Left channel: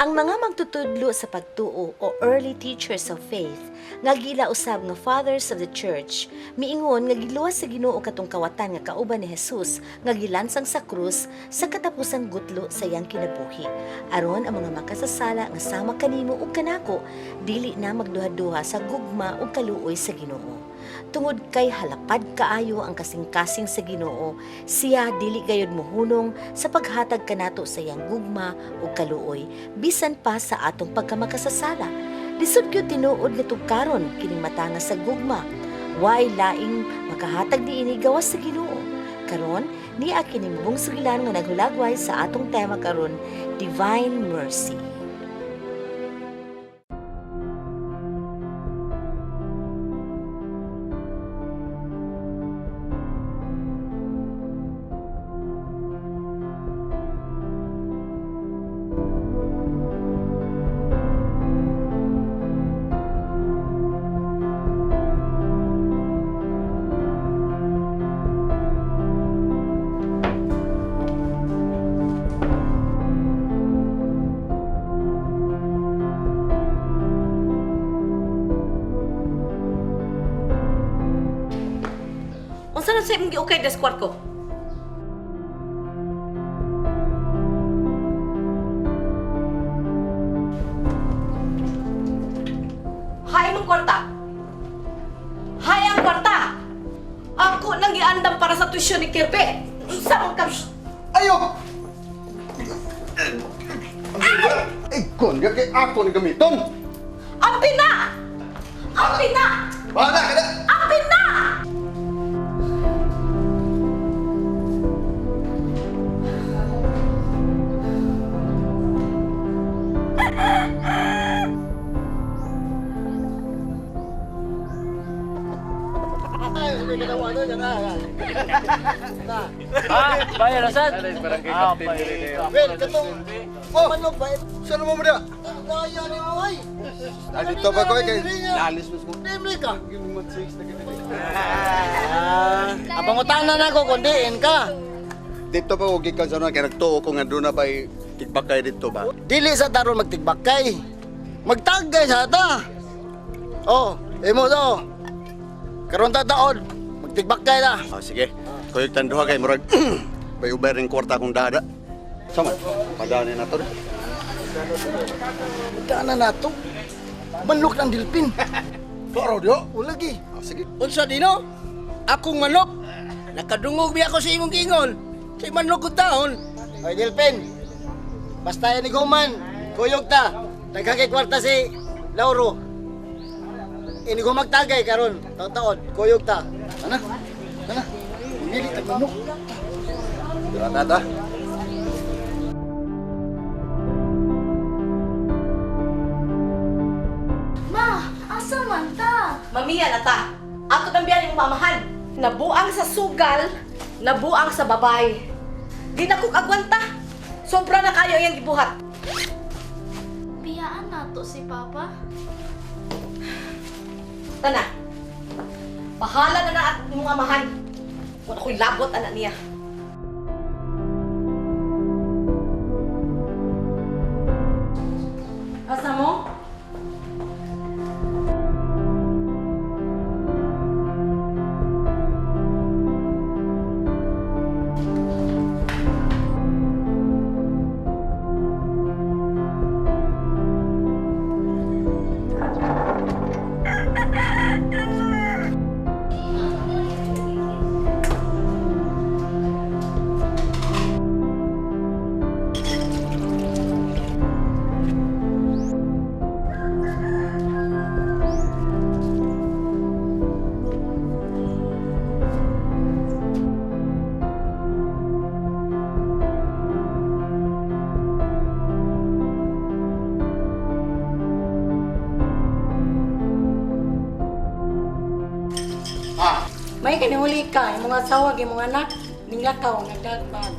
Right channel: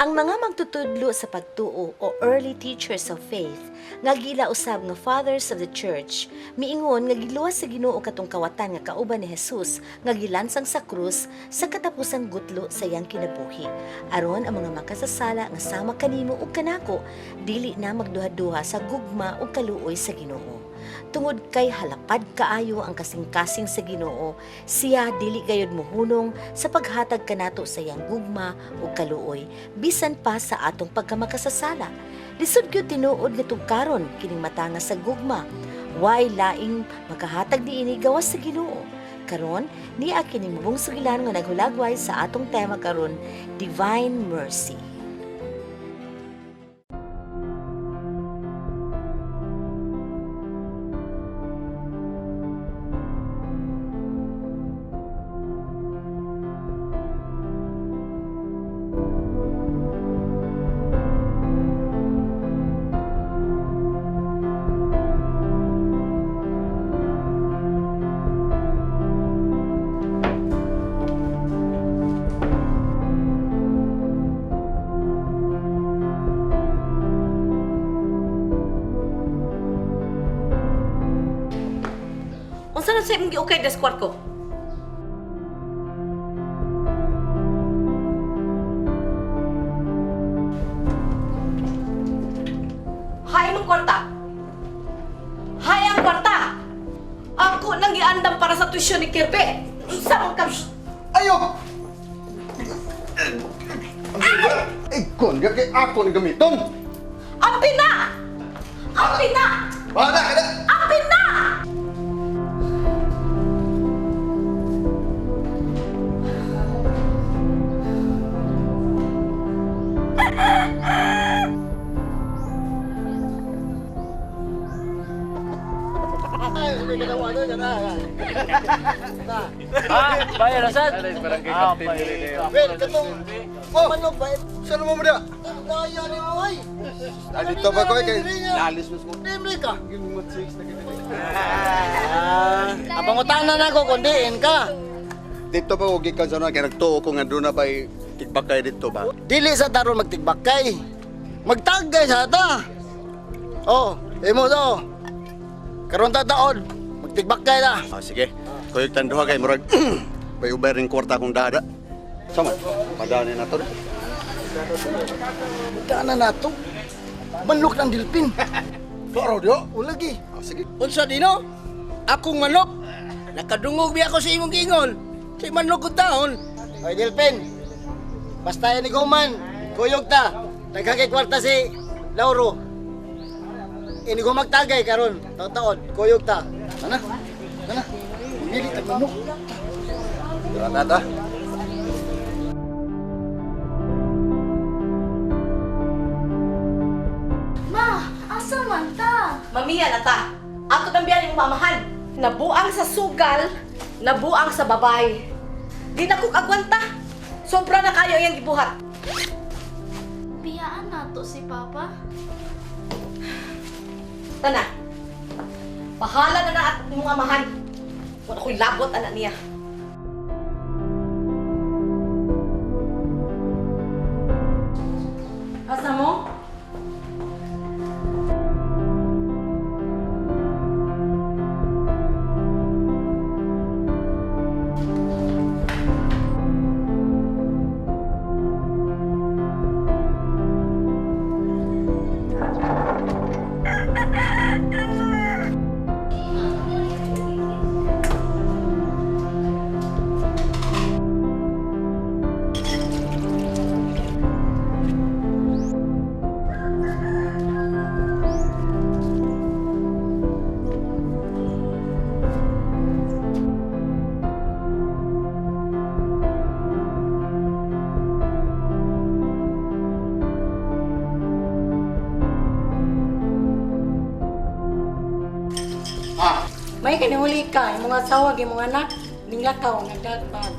Ang mga magtutudlo sa pagtuo o early teachers of faith nga gila usab nga fathers of the church miingon nga giluwas sa Ginoo katong kawatan nga kauban ni Jesus nga gilansang sa krus sa katapusang gutlo sa iyang kinabuhi aron ang mga makasasala nga sama kanimo ug kanako dili na magduha-duha sa gugma ug kaluoy sa Ginoo. Tungod kay halapad kaayo ang kasing-kasing sa Ginoo, siya dili gayud mohunong sa paghatag kanato sa iyang gugma ug kaluoy bisan pa sa atong pagkamakasasala. Lisod gyud tinuod nga tugkaron kining matanga sa gugma. Way laing makahatag niini gawas sa Ginoo. Karon niya kining mubong sugilan nga naghulagway sa atong tema karon, Divine Mercy. Unsa na sa imong giukay des kwarto? Hay mong kwarta. Hay ang kwarta. Ako nang giandam para sa tuition ni Kirby. Unsa man ka? Ayo! Ay, kon, kay ako ni gamiton! Apin na! Apin na! Bahala ka na! Apin na! Bayar asad. Well, katong... Oh! Manok ba? Saan mo mo da? Kaya ni mo ay! Dito ba ko kay... Lalis mo mo. Timri ka! Ang pangutanan na ko kundiin ka. Dito pa huwag ikaw sa kaya nagtuo ko nga doon na ba'y tigbakay dito ba? Dili sa taron magtigbakay. Magtagay sa ata. Oh, imo to. Karon ta taon. Magtigbakay ta. Ah, sige. Kuyog tanduha kay murag... May ubay rin kwarta akong dada. Sama, padaanin na to rin. Magkana na to. Manok ng dilpin. Klaro diyo? O lagi. Ah, sige. Unsa dino? Akong manok. Nakadungog biya ako sa imong gingon. Sa manok ko taon. Oy dilpin. Basta yan ni Guman. Kuyog ta. Nagkakay kwarta si Lauro. Ini ko magtagay karon. Taon-taon. Kuyog ta. Ana? Ana? Dili tag manok. Tata. Ma, asa man ta? Mamiya na ta. Ako nang biyan yung mamahan. Nabuang sa sugal, nabuang sa babay. Di na kong agwanta. Sobra na kayo yung gibuhat. Biyaan nato si Papa. Tana. Bahala na na at imong amahan. Wala ko'y labot anak niya. Asa mo? May kanihuli ka, yung mga asawa, yung mga anak, ninglakaw, nagdagbag.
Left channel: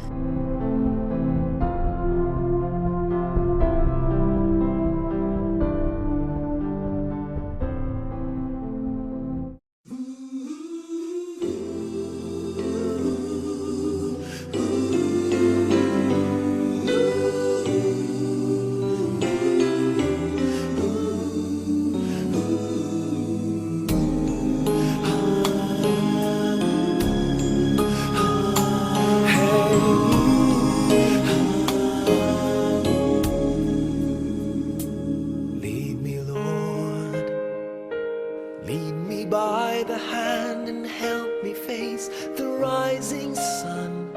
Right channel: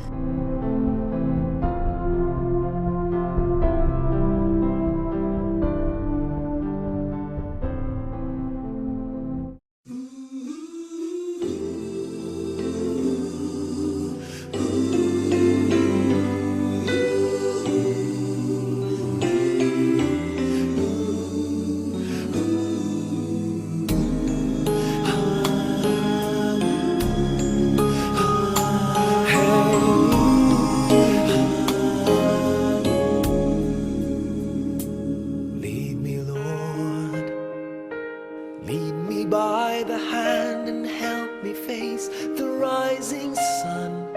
the hand and help me face the rising sun.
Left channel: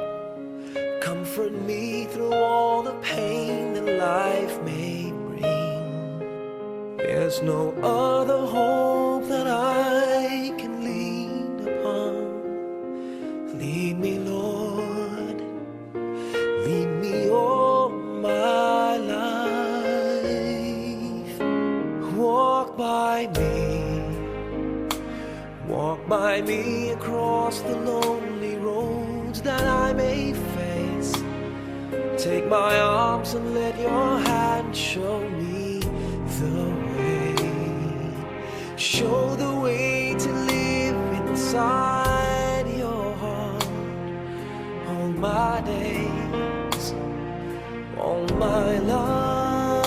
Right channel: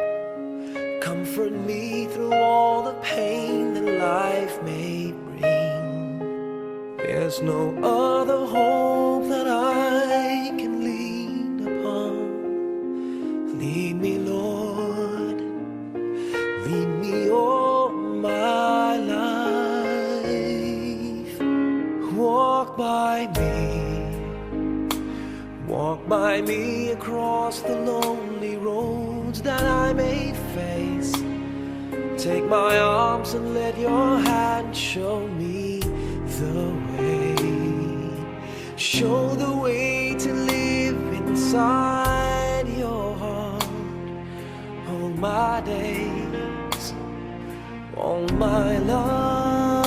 Comfort me through all the pain that life may bring. There's no other hope that I can lean upon. Lead me, Lord, lead me all my life. Walk by me across the lonely roads that I may face. Take my arms and let your hand show me the way. Show the way to live inside your heart all my days, all my life.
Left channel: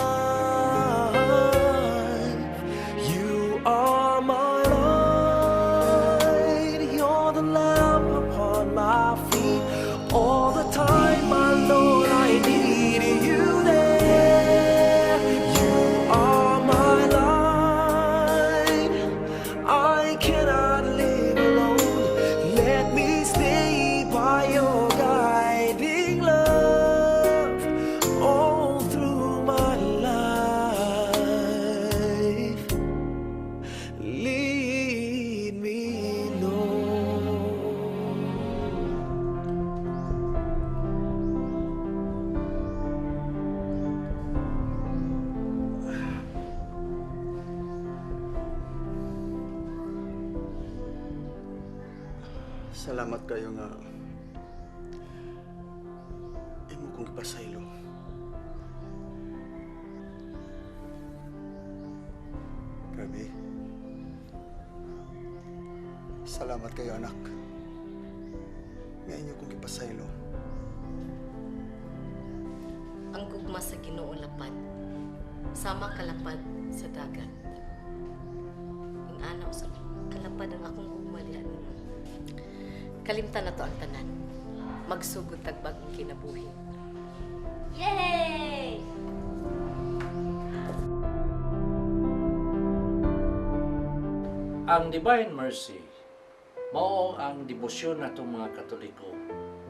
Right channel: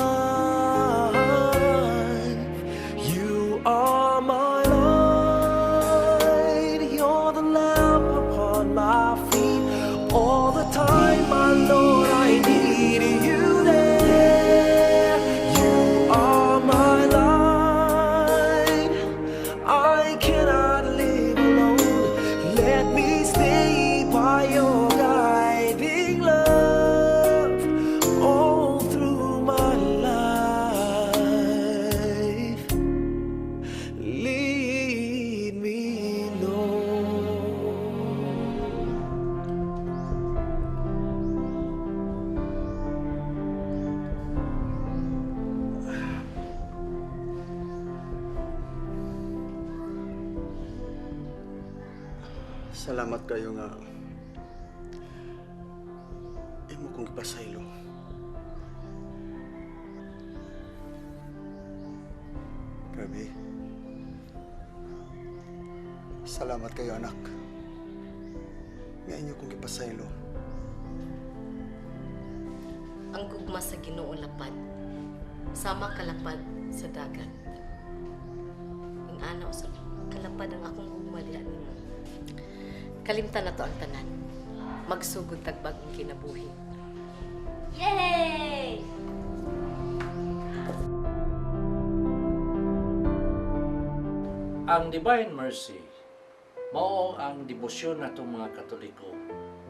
You are my light, you're the lamp upon my feet. All the time, my Lord, I need you there. You are my light, I cannot live alone. Let me stay by your guiding love all through my life. Lead me, Lord. Salamat kayo nga. Imo kong ipasaylo. Grabe. Salamat kayo, anak. Nga inyo kong ipasaylo. Ang gugma sa Ginoo lapad, sama kalapad sa dagat. Ang anaw sa kalapad ang akong gugma diha nimo. Kalimtan na to ang tanan. Magsugod tagbag ang kinabuhi. Yay! Ang Divine Mercy mao ang debosyon natong mga Katoliko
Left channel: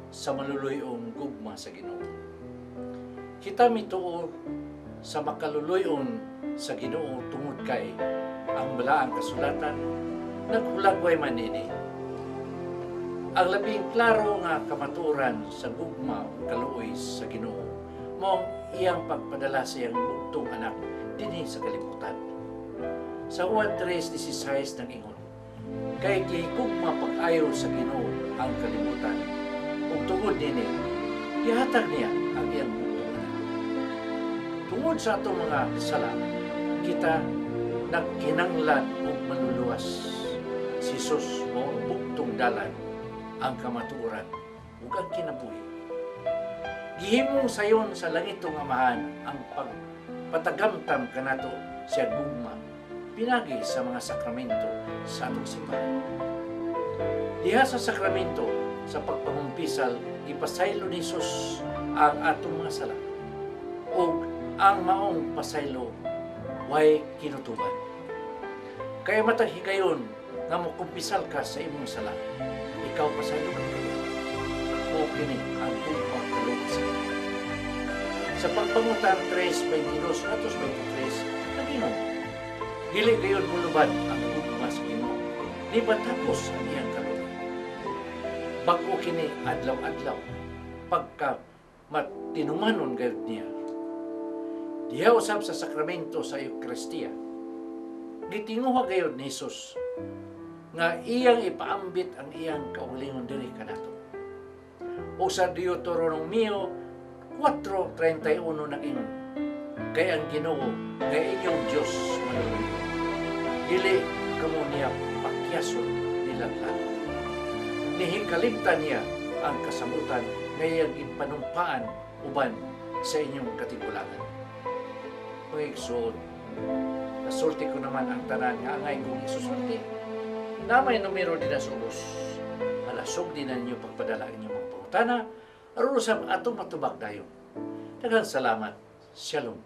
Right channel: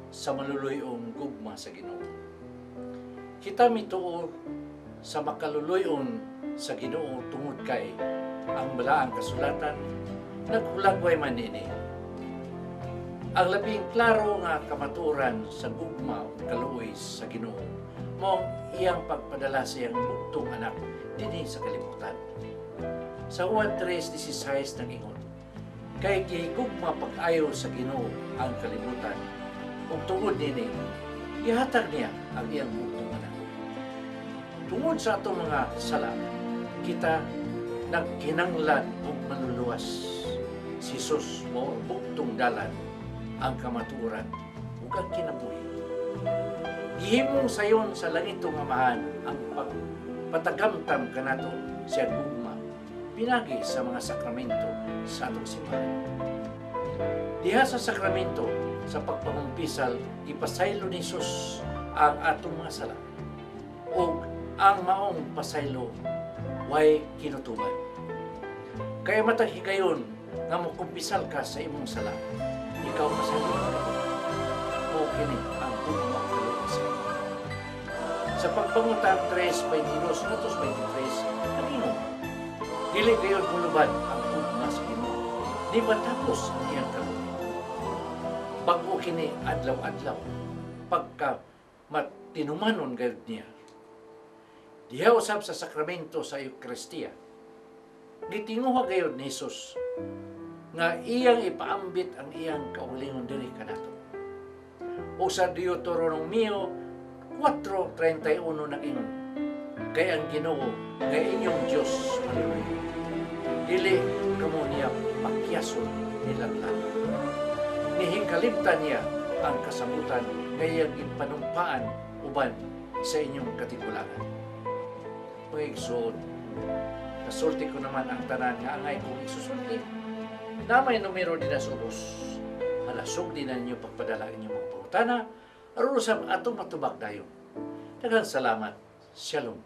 sa maluluyong gugma sa Ginoo. Kita mituo sa makaluluyon sa Ginoo tungod kay ang balaang kasulatan nagulagway man ini. Ang labing klaro nga kamatuoran sa gugma o kaluoy sa Ginoo mao ang iyang pagpadala sa iyang bugtong anak dinhi sa kalibutan. Sa Juan 3:16 nang ingon, kay gihigugma pag-ayo sa Ginoo ang kalibutan, ug tungod nini gihatag niya ang iyang bugtong anak. Tungod sa atong mga sala, kita nagkinanglan og manluluwas. Si Jesus mo ang bugtong dalan, ang kamatuoran ug ang kinabuhi. Gihimong sayon sa langitong Amahan ang pagpatagamtam kanato sa gugma pinagi sa mga sakramento sa atong simbahan. Diha sa sakramento sa pagpangumpisal ipasaylo ni Jesus ang atong mga sala ug ang maong pasaylo way kinutuban. Kaya matag higayon nga mokumpisal ka sa imong sala, ikaw pasaylo ka rin. O kini ang gugma kaluoy sa Ginoo. Sa pagpangutan 3:22 natos 23 nag-ingon, dili gayon mulubad ang gugma sa Ginoo, di matapos ang iyang kaluoy. Bag-o kini adlaw-adlaw, pagka matinumanon gayud niya. Diha usab sa sakramento sa Eucharistia, gitinguha gayud ni Jesus nga iyang ipaambit ang iyang kaugalingon diri kanato. O sa Deuteronomio 4:31 nag-ingon, kay ang Ginoo nga inyong Dios manuluyo, dili kamo niya pakyason nilaglag. Nihikaliptan niya ang kasabutan nga iyang ipanumpaan uban sa inyong katigulangan. Pagigsuon, nasulti ko naman ang tanan nga angay kong isusulti. Na may numero din na sa ubos. Halasog din na ninyo pagpadala inyong mga pangutana aron sa atong matubag dayon. Daghang salamat. Shalom.